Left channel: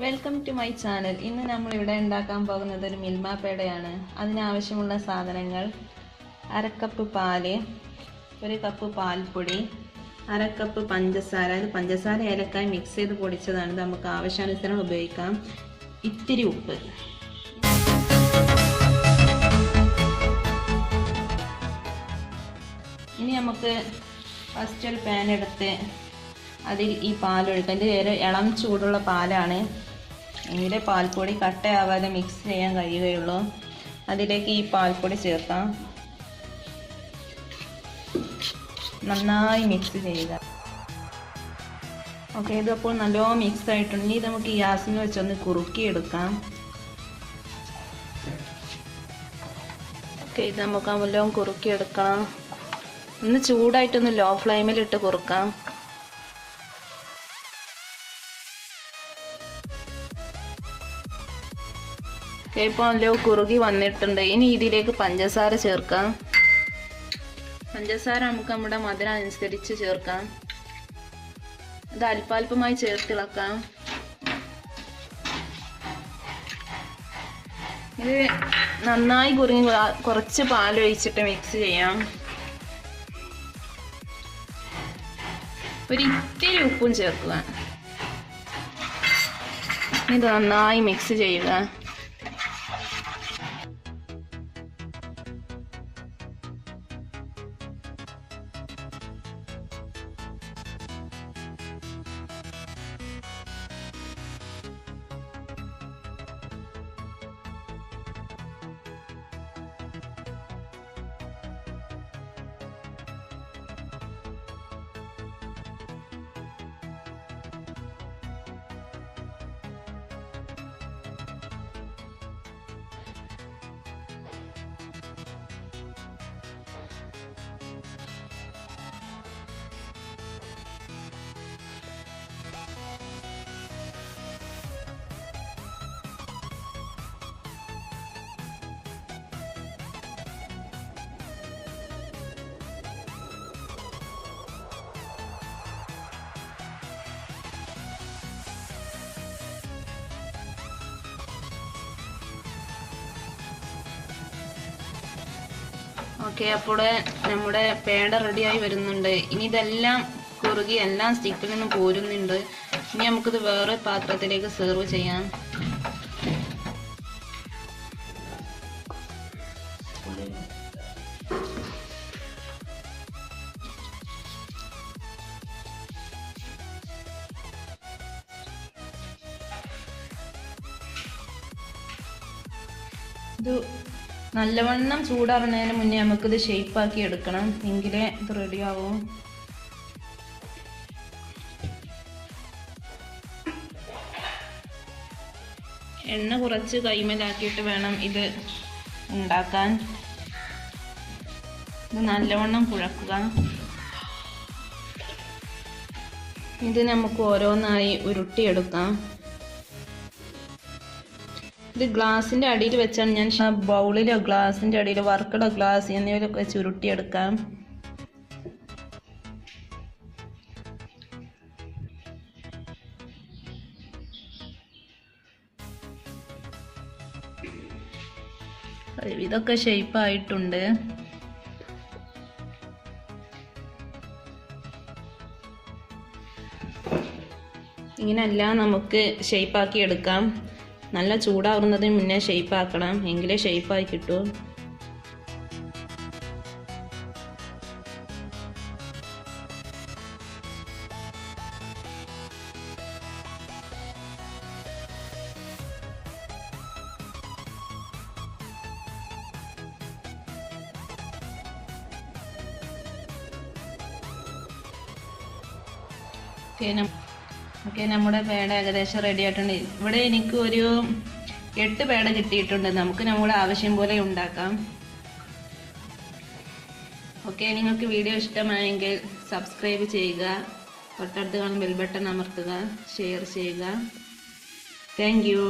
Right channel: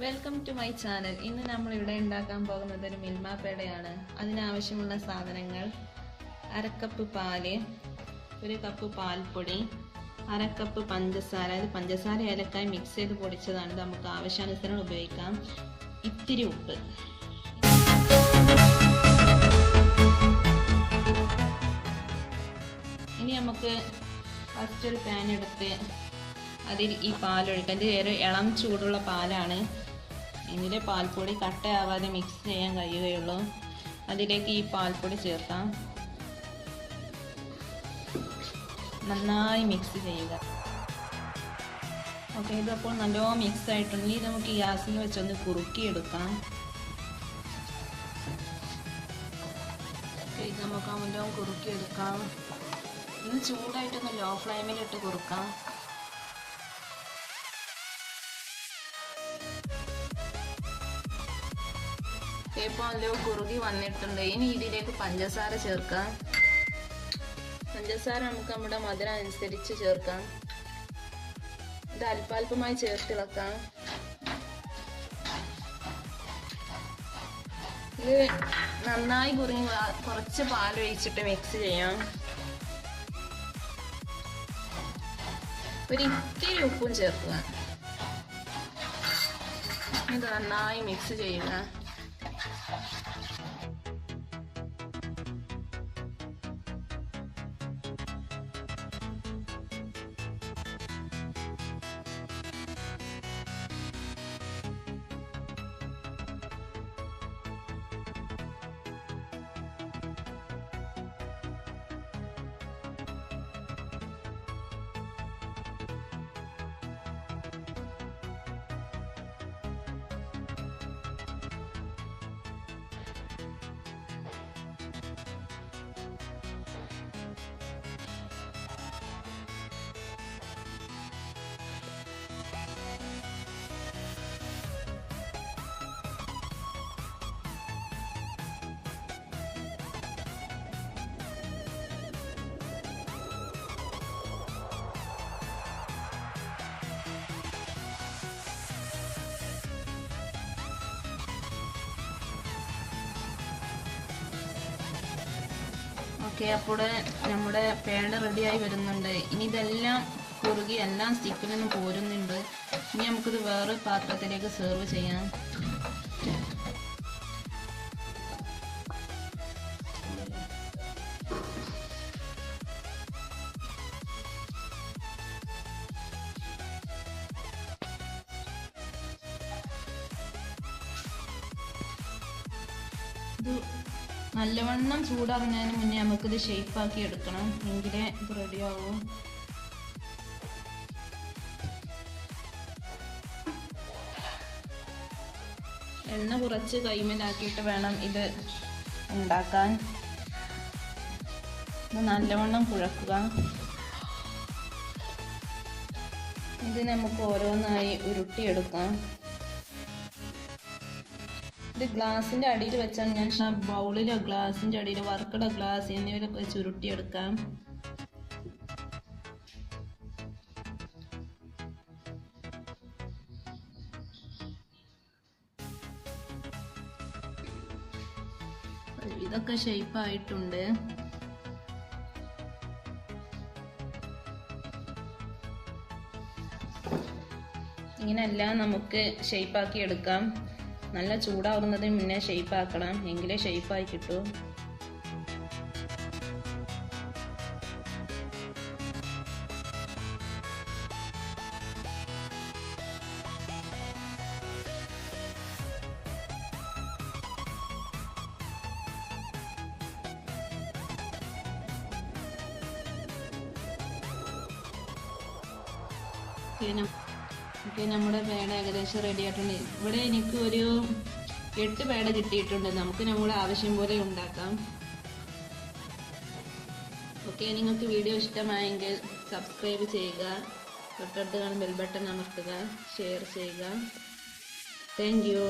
Welcome to my channel. ഇന്ന് നമ്മൾ ഇവിടെ ഉണ്ടാക്കാൻ പോകുന്നത് ഒരു മിൽമ പേടയാണ്. അതിനാവശ്യമുള്ള സാധനങ്ങൾ: അരക്കപ്പ് പാല്, ഒരു കപ്പ് പാൽപ്പൊടി, അരക്കപ്പ് പഞ്ചസാര. ഇത് പഞ്ചസാര ഏലക്കായ് മിക്സ് ചെയ്ത് പൊടിച്ചതാണ്. ഇത് നമുക്ക് ആവശ്യാനുസരണം ഉപയോഗിക്കാം. ഇത്തിരി ഉപ്പ്. ഇനി നമുക്ക് ഫസ്റ്റ് ഒരു പാൻ എടുത്ത് അതിൽ ഈ പാലൊഴിക്കാം. ഇത് ഒരു ഇളം ചൂടുള്ള പാലാണ്. എങ്കിലേ പാൽപ്പൊടി കട്ടയാവാതെ മിക്സ് ചെയ്യാൻ കഴിയുകയുള്ളൂ. അതിലേക്ക് ഈ പാൽപ്പൊടി ചേർക്കാം. നന്നായി മിക്സ് ചെയ്യുക. ഓക്കെ, ഇതിപ്പോൾ നല്ലോണം മിക്സ് ആയിട്ടുണ്ട്. ഇത് നമുക്ക് ഗ്യാസിൽ വെച്ചൊന്ന് കുറുക്കിയെടുക്കാം. ഓക്കെ, ഇത് നമുക്ക് നല്ലോണം കുറുക്കിയെടുക്കാം. ഒന്ന് ചൂടായിട്ടൊന്ന് ലോ ഫ്ലെയിമിലിട്ട് കുറുക്കാം. ഇപ്പോൾ നല്ല കുറുകി വന്നിട്ടുണ്ട്. ഇനി ഇതിലേക്ക് പഞ്ചസാര ചേർക്കാം. പഞ്ചസാര നമുക്ക് നമ്മുടെ മധുരം അനുസരിച്ച് ചേർക്കാം. ഇത് അല്പാൽപമായി ചേർത്തിളക്കാം. ഇത് നന്നായി കുറുങ്ങി കുറച്ച് പാലൊഴിച്ചിട്ട് മിക്സ് ചെയ്യാം. ഒരു ഇത്തിരി ഉപ്പും ചേർക്കുക. ഇത് നന്നായി മിക്സ് ചെയ്യുക. ഓക്കെ, അപ്പോൾ നമ്മുടെ പേട റെഡിയായി വരുന്നുണ്ട്. ഇനി ഇതെല്ലാം കുറുകി എല്ലാം സ്റ്റിക്കിൽ നിന്ന് പോരുന്നുണ്ട്. ഇനി നമുക്കിത് വേറെ പാത്രത്തിലേക്ക് സെർവ് ചെയ്യാം. ഇത് നല്ലവണ്ണം ചൂടാറുന്നതിന് മുന്നേ നമുക്കിത് ഷേപ്പാക്കി എടുക്കണം. എങ്കിലേ ഇത് റെഡിയാവും. എണ്ണ കുറച്ച് കൈമലാക്കിയിട്ട് വേണം ഇത് ഉണ്ടാക്കാൻ. ഇത് നല്ലവണ്ണം കുഴക്കുക. ഇത് നമുക്ക് ഓരോന്നായി ഉരുട്ടിയെടുക്കാം. ഇത് ഗ്ലാസിൻ്റെ അടിയിൽ വെച്ചാണ് ഞാൻ ബൗളിലോ ഗ്ലാസിൻ്റെ അടിയിൽ വർക്കടോ ഗ്ലാസ് എന്നിവയിലൊക്കെ വെച്ച് ഉരുട്ടിയെടുക്കാം. ഇതൊക്കെ ഷേപ്പായിട്ടുണ്ട്. ഇങ്ങനെല്ലാം നമുക്ക് ഷേപ്പാക്കി എടുക്കാം. നല്ല ചൂടാവുന്നതിന് മുന്നേ ഷേപ്പാക്കണം. എങ്കിലേ ഷേപ്പായി കിട്ടൂ. ഓക്കെ, നമ്മുടെ പേട ഏകദേശം റെഡി ആയിട്ടുണ്ട്. ഇവിടെ എനിക്ക് ഒരു 8 പേട കിട്ടിയിട്ടുണ്ട്. നമുക്ക് നമ്മുടെ ആവശ്യം പോലെ ഉണ്ടാക്കാം. ഓക്കെ, നിങ്ങൾക്ക് വീഡിയോ ഇഷ്ടമായെങ്കിൽ സബ്സ്ക്രൈബ് ചെയ്യുക, തൊട്ടടുത്ത് കാണുന്ന ബെൽ ബട്ടൺ അമർത്തുക, ഷെയർ ചെയ്യുക. Thank you.